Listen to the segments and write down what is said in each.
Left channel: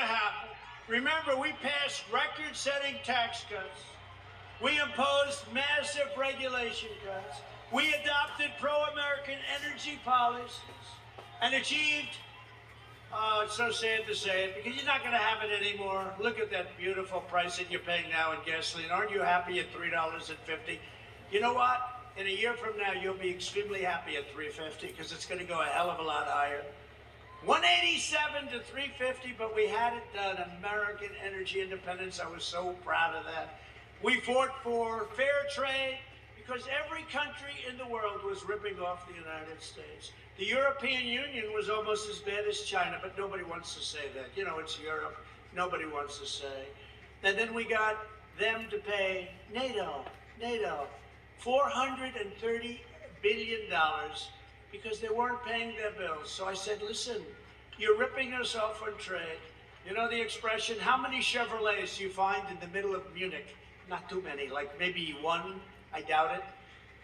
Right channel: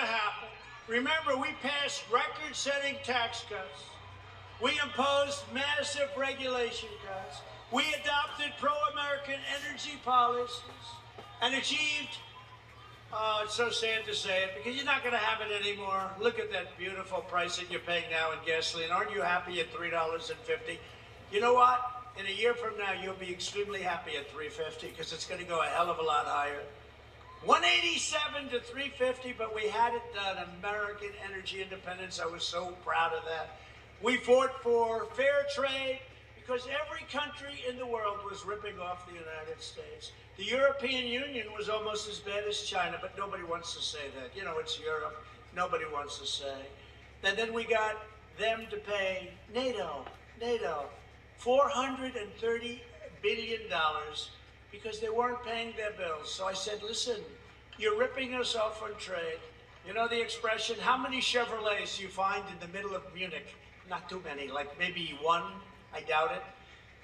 happen. Remember, we passed record-setting tax cuts. We imposed massive regulation cuts. We adopted pro-American energy policies and achieved, it's so sad to say it, because you're not going to have it anymore. Look at that beautiful price that you're paying now in gasoline. Aren't you happy at $3.50? You know what? In a year from now, you'll be extremely happy at $3.50 because it's going to go a hell of a lot higher. 187 to 350, but we had it done. American energy independence. I was so proud of that. We fought for fair trade because every country in the world was ripping off the United States. The European Union was almost as bad as China, but nobody wants to say that. You know, it's Europe. Nobody wants to say. And then we got them to pay NATO, $430 billion because they weren't paying their bills. So I said, listen, you're ripping us off on trade. You know the expression, how many Chevrolets do you find in the middle of Munich? Not too many, like maybe one. I doubt it.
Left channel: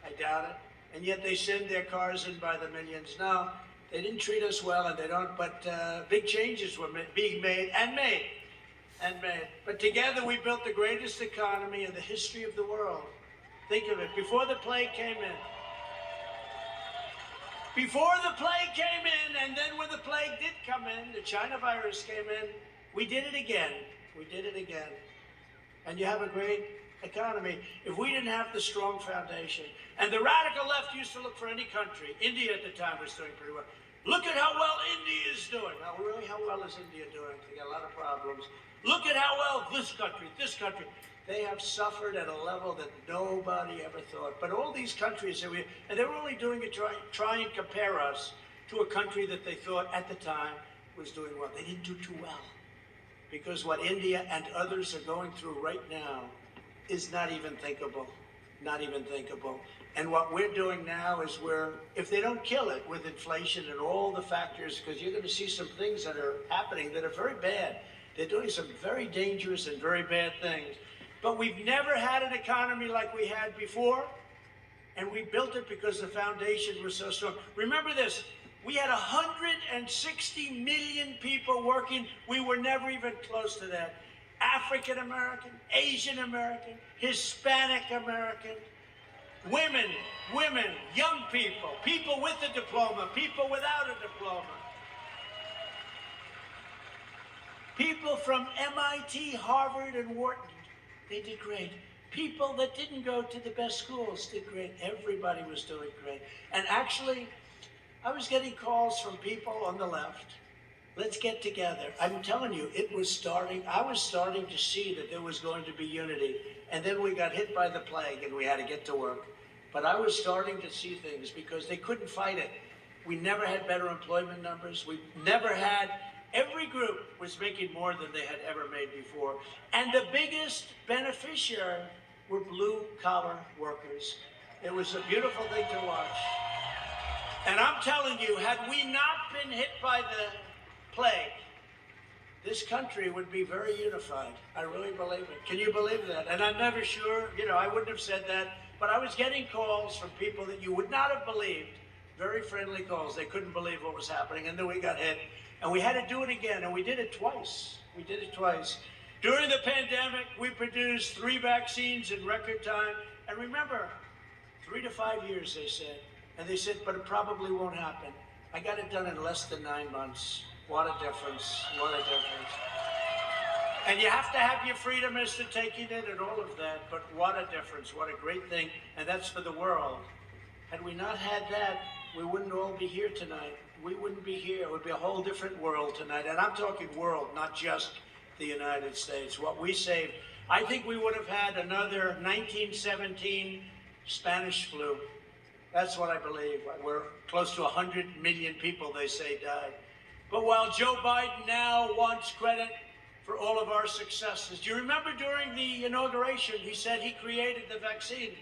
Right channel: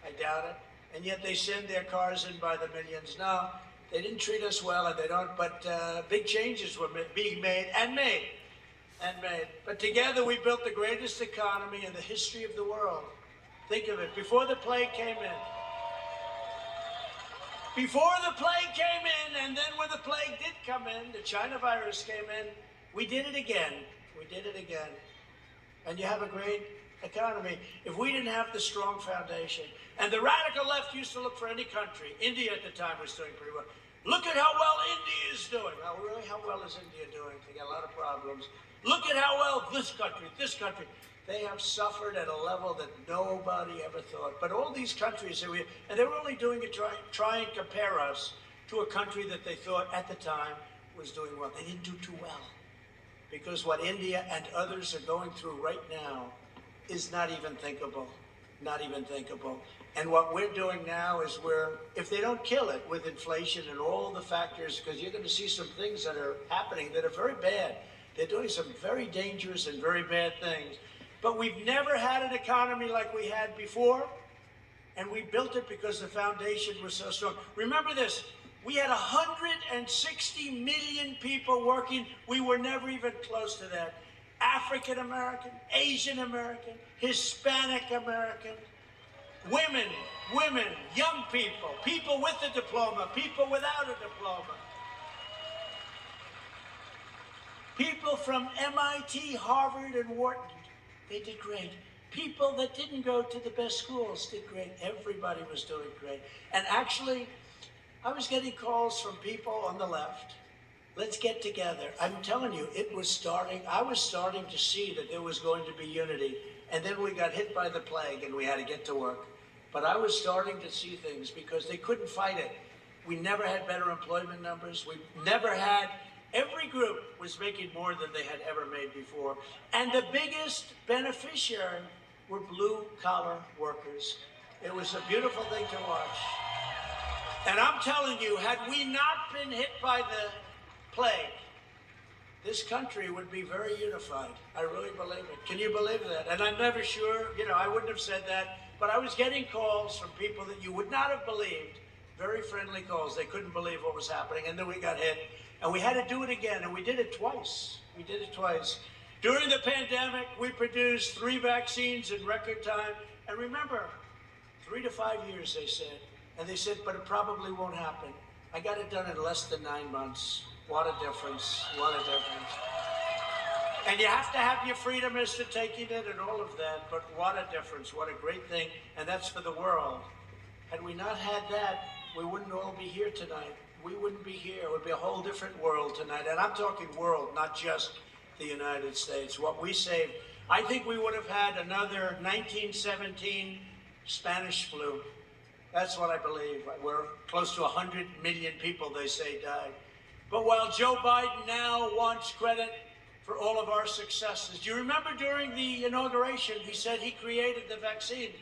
I doubt it. And yet they send their cars in by the millions. No, they didn't treat us well, and they don't, but big changes were being made. But together we built the greatest economy in the history of the world. Think of it, before the plague came in. Before the plague came in, and then when the plague did come in, the China virus came in, we did it again. We did it again. And you have a great economy. If we didn't have the strong foundation, and the radical left used to look for any country. India at the time was doing pretty well. Look at how well India is doing. Oh, really? How well is India doing? They got a lot of problems. Look at how well this country. They have suffered at a level that nobody ever thought. But all these countries, and they were only doing it to try and compare us to a country that they thought at the time was doing well. They didn't do too well. Because what India and others are going through right now is not even thinkable. Not even thinkable. And what we're doing now is if they don't kill it with inflation and all the factors, because you're going to see some things that are happening that are very bad. They're doing some very dangerous and very bad things. But we've never had an economy like we had before, and we built it because the foundation was so strong. Remember this, we had 160 million people working. We were never even close to that. African American, Asian American, Hispanic American, women, young people, people with a diploma, people without a diploma. People from MIT, Harvard, and Wharton. They did great. People that didn't go to the best schools did great. Everybody was doing great. And actually, I was getting calls from people on the left. Let's get together. I'm telling you, it was starting. I was starting to see that there was going to be unity. And then we got hit by the plague and we had to get to work. But I was starting to see things because they couldn't fight it. We never had better employment numbers. We never had. Every group was making more than they had ever made before. And the biggest beneficiary were blue-collar workers. It was a beautiful thing to watch. And I'm telling you, had we not been hit by the plague, this country would be very unified. I really believe it. Can you believe that? And I'm never sure, I wouldn't have said that, but I was getting calls from people that you would not have believed, very friendly calls. They couldn't believe what was happening, and then we got hit. And we had to do it again, and we did it twice. We did it twice. During the pandemic, we produced 3 vaccines in record time. And remember, 3 to 5 years, they said. And they said, but it probably won't happen. I got it done in less than 9 months. What a difference, what a difference. And you have to have your freedom as to taking it and all of that, but what a difference, what a great thing. And that's for the world. Had we not had that, we wouldn't all be here tonight. We wouldn't be here. It would be a whole different world tonight. And I'm talking world, not just the United States. What we saved, I think we would have had another 1917 Spanish flu. That's what I believe. We're close to 100 million people, they say, died. But while Joe Biden now wants credit for all of our successes, do you remember during the inauguration, he said he created the vaccine?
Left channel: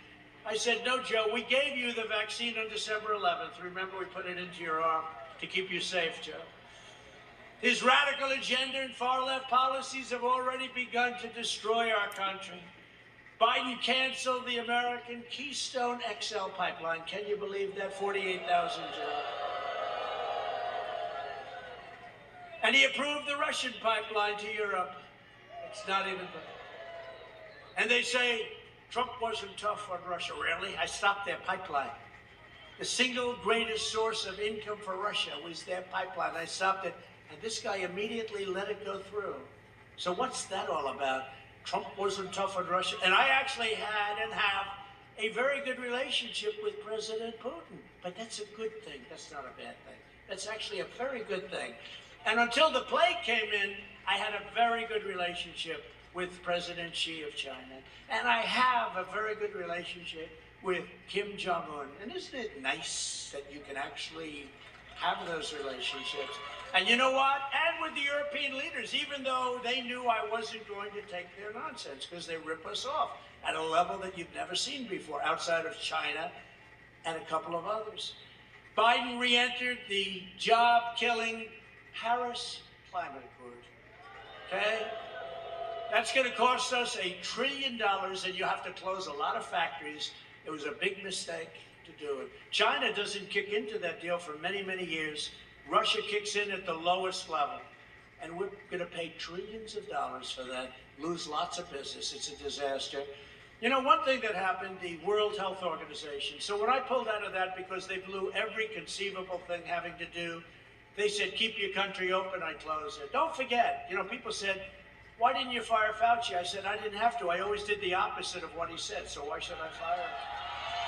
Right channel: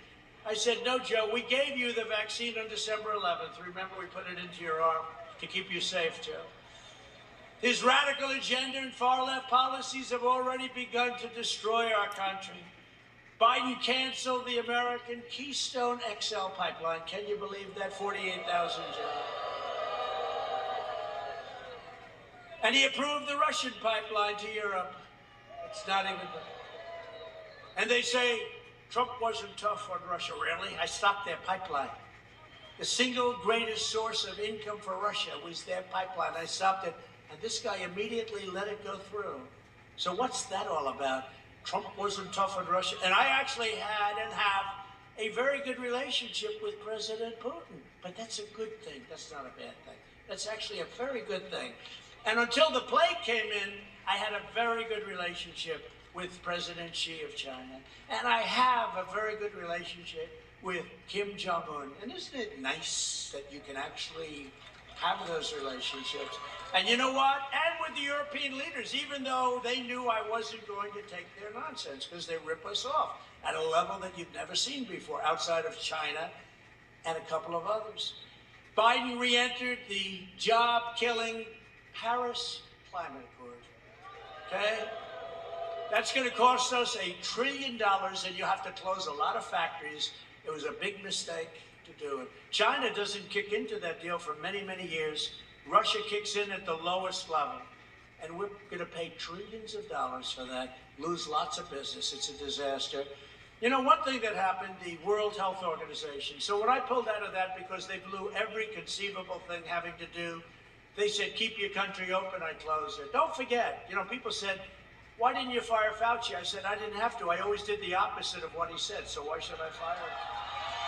I said, no, Joe, we gave you the vaccine on December 11th. Remember, we put it into your arm to keep you safe, Joe. His radical agenda and far-left policies have already begun to destroy our country. Biden canceled the American Keystone XL pipeline. Can you believe that? 48,000 jobs. And he approved the Russian pipeline to Europe. It's not even. And they say Trump wasn't tough on Russia. Really? I stopped their pipeline. The single greatest source of income for Russia was their pipeline. I stopped it, and this guy immediately let it go through. So what's that all about? Trump wasn't tough on Russia. And I actually had and have a very good relationship with President Putin. But that's a good thing. That's not a bad thing. That's actually a very good thing. And until the plague came in, I had a very good relationship with President Xi of China. And I have a very good relationship with Kim Jong-un. And isn't it nice that you can actually have those relationships? And you know what? And with the European leaders, even though they knew I wasn't going to take their nonsense, because they rip us off at a level that you've never seen before, outside of China and a couple of others. Biden re-entered the job-killing Paris Climate Accord. Okay? That's going to cost us $1 trillion, and you have to close a lot of factories. It was a big mistake to do it. China doesn't kick into that deal for many, many years. Russia kicks in at the lowest level, and we're going to pay trillions of dollars for that, lose lots of business. It's a disaster. You know, one thing that happened, the World Health Organization. So when I pulled out of that because they blew every conceivable thing having to do, they said, keep your country open, I closed it. Don't forget, you know, people said, why didn't you fire Fauci? I said, I didn't have to. I always did the opposite of what he said, so why should I fire him?